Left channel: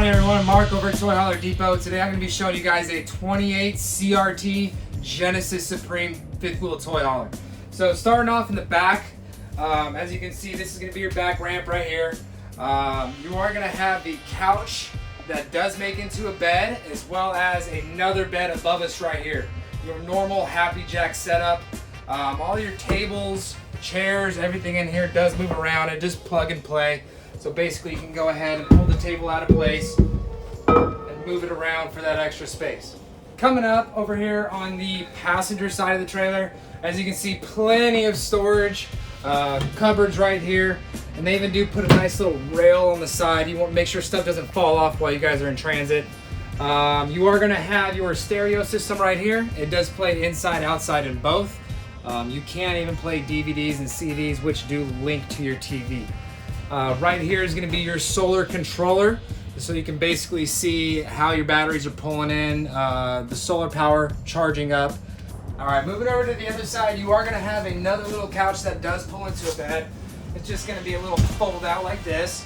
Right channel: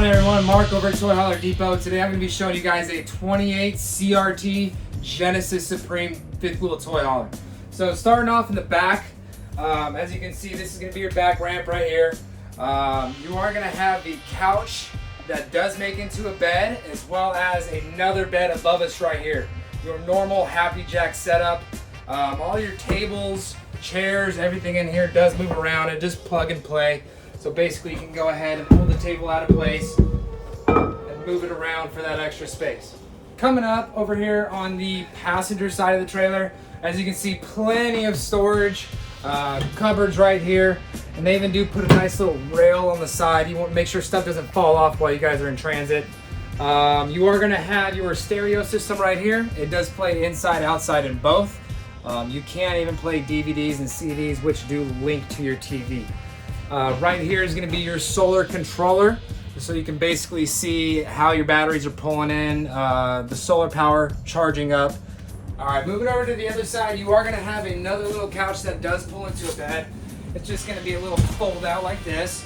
on everyone? Mark over at Toy Hauler Depot. Today I'm going to be showing you guys a 28 CRT Genesis Supreme fifth wheel toy hauler. So starting off in the back, as you can see, this is going to be your back ramp right here. You are going to have the couch that does make into a bed, as well as another bed above us right here. Your normal Happy Jack setup. All your tables, chairs, everything in here does move around and just plug and play. So basically you can go ahead and pull the table out of place and move it around for that extra space. Coming up over here on the passenger side of the trailer, as you can see, plenty of storage, cupboards right here, and they even do put a nice little rail on the side. You want to make sure stuff doesn't fall off while you guys are in transit. You are going to have your stereo system right here. It does play inside, outside, and both. You can even play DVDs and CDs, which do link to your TV. Right here is going to be your solar controller, so you can basically see how your batteries are pulling in, the solar power charging up. All right, moving over to the other side, you are going to have another little couch that does pull into a bed. It's just going to be a little fold out like this.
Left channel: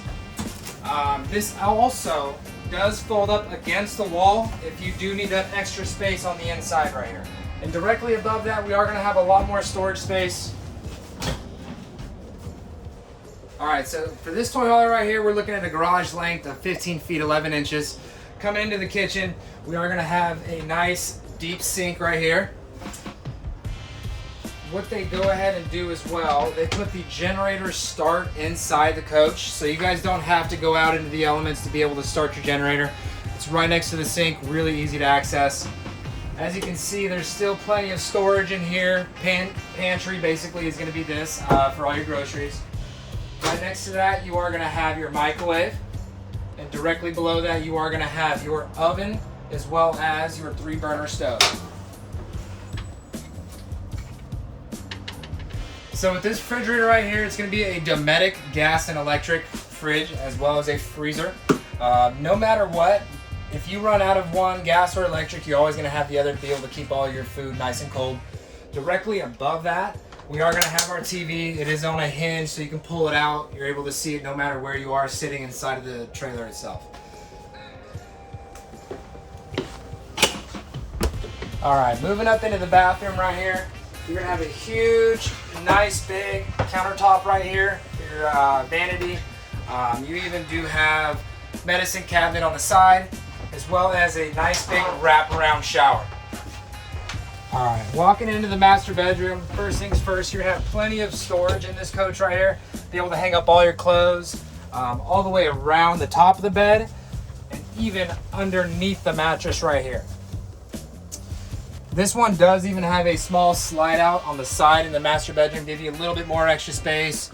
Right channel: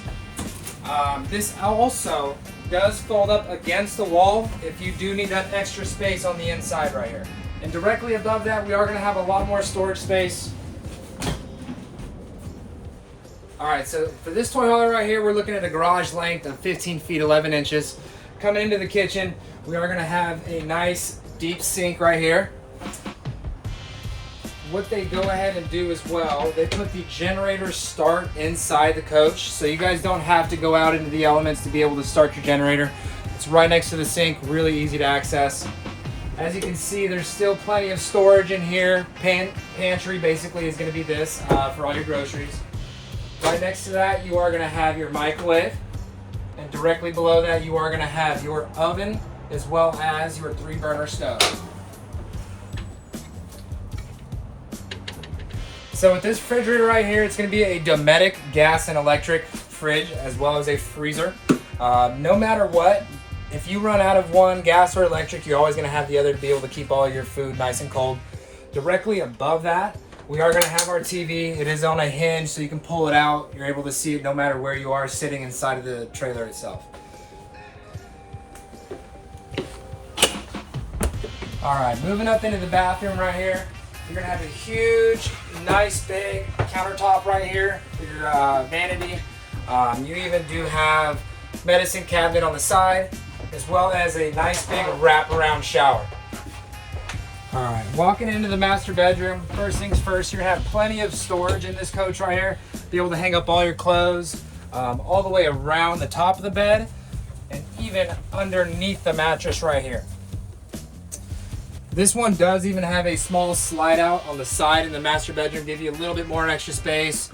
This also does fold up against the wall if you do need that extra space on the inside right here. And directly above that, we are going to have a lot more storage space. All right, so for this toy hauler right here, we're looking at a garage length of 15 feet 11 inches. Coming into the kitchen, we are going to have a nice deep sink right here. What they go ahead and do as well, they put the generator start inside the coach, so you guys don't have to go out into the elements to be able to start your generator. It's right next to the sink, really easy to access. As you can see, there's still plenty of storage in here. Pantry basically is going to be this for all your groceries. Right next to that, you are going to have your microwave, and directly below that, you are going to have your oven as well as your 3-burner stove. So with this refrigerator right here, it's going to be a Dometic gas and electric fridge as well as a freezer. No matter what, if you run out of one, gas or electric, you're always going to have the other to be able to keep all your food nice and cold. Directly above that, we are going to have our TV. It is on a hinge, so you can pull it out. You're able to see it no matter where you are sitting inside of the trailer itself. All right, moving up into the bathroom right here, you're going to have a huge, nice, big countertop right here for your vanity. You even do have medicine cabinet on the side, as well as a nice, big wraparound shower. All right, walking into the master bedroom, first things first, you're gonna have plenty of storage in this coach right here. Be able to hang up all your clothes all the way around the top of the bed and even underneath the mattress right here. This one does even have a small slide out on the side in the master bedroom, give you a little bit more extra space.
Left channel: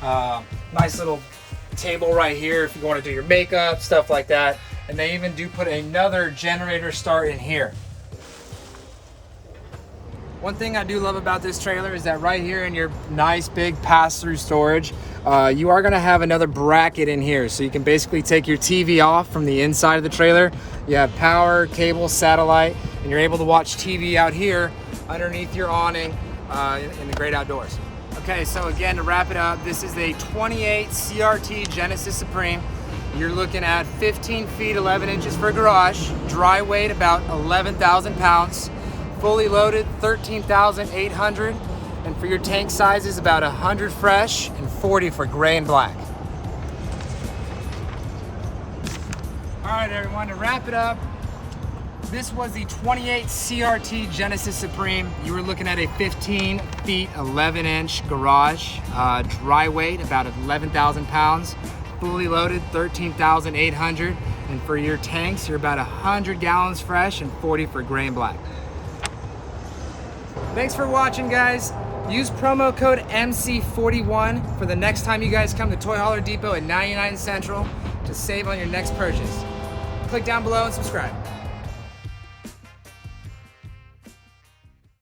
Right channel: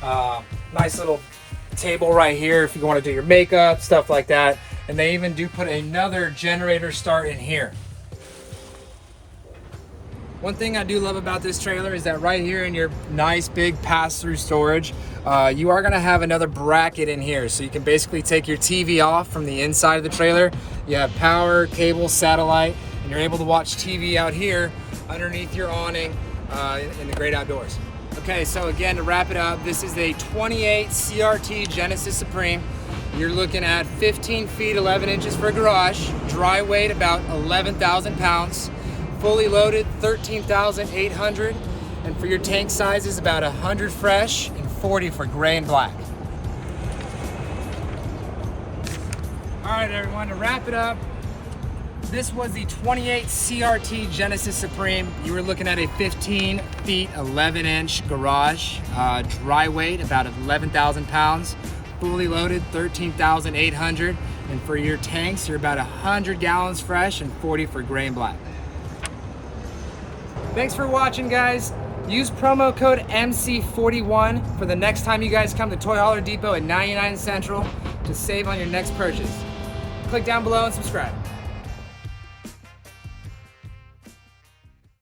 Nice little table right here if you want to do your makeup, stuff like that. And they even do put another generator start in here. One thing I do love about this trailer is that right here in your nice big pass-through storage, you are going to have another bracket in here. So you can basically take your TV off from the inside of the trailer. You have power, cable, satellite, and you're able to watch TV out here underneath your awning in the great outdoors. Okay, so again, to wrap it up, this is a 28 CRT Genesis Supreme. You're looking at 15 feet 11 inches for garage, dry weight about 11,000 pounds. Fully loaded, 13,800, and for your tank sizes, about 100 fresh and 40 for gray and black. All right, everyone, to wrap it up, this was the 28 CRT Genesis Supreme. You were looking at a 15 feet 11 inch garage, dry weight about 11,000 pounds, fully loaded, 13,800, and for your tanks, you're about 100 gallons fresh and 40 for gray and black. Thanks for watching, guys. Use promo code MC41 for the next time you guys come to Toy Hauler Depot at 99 Central to save on your next purchase. Click down below and subscribe.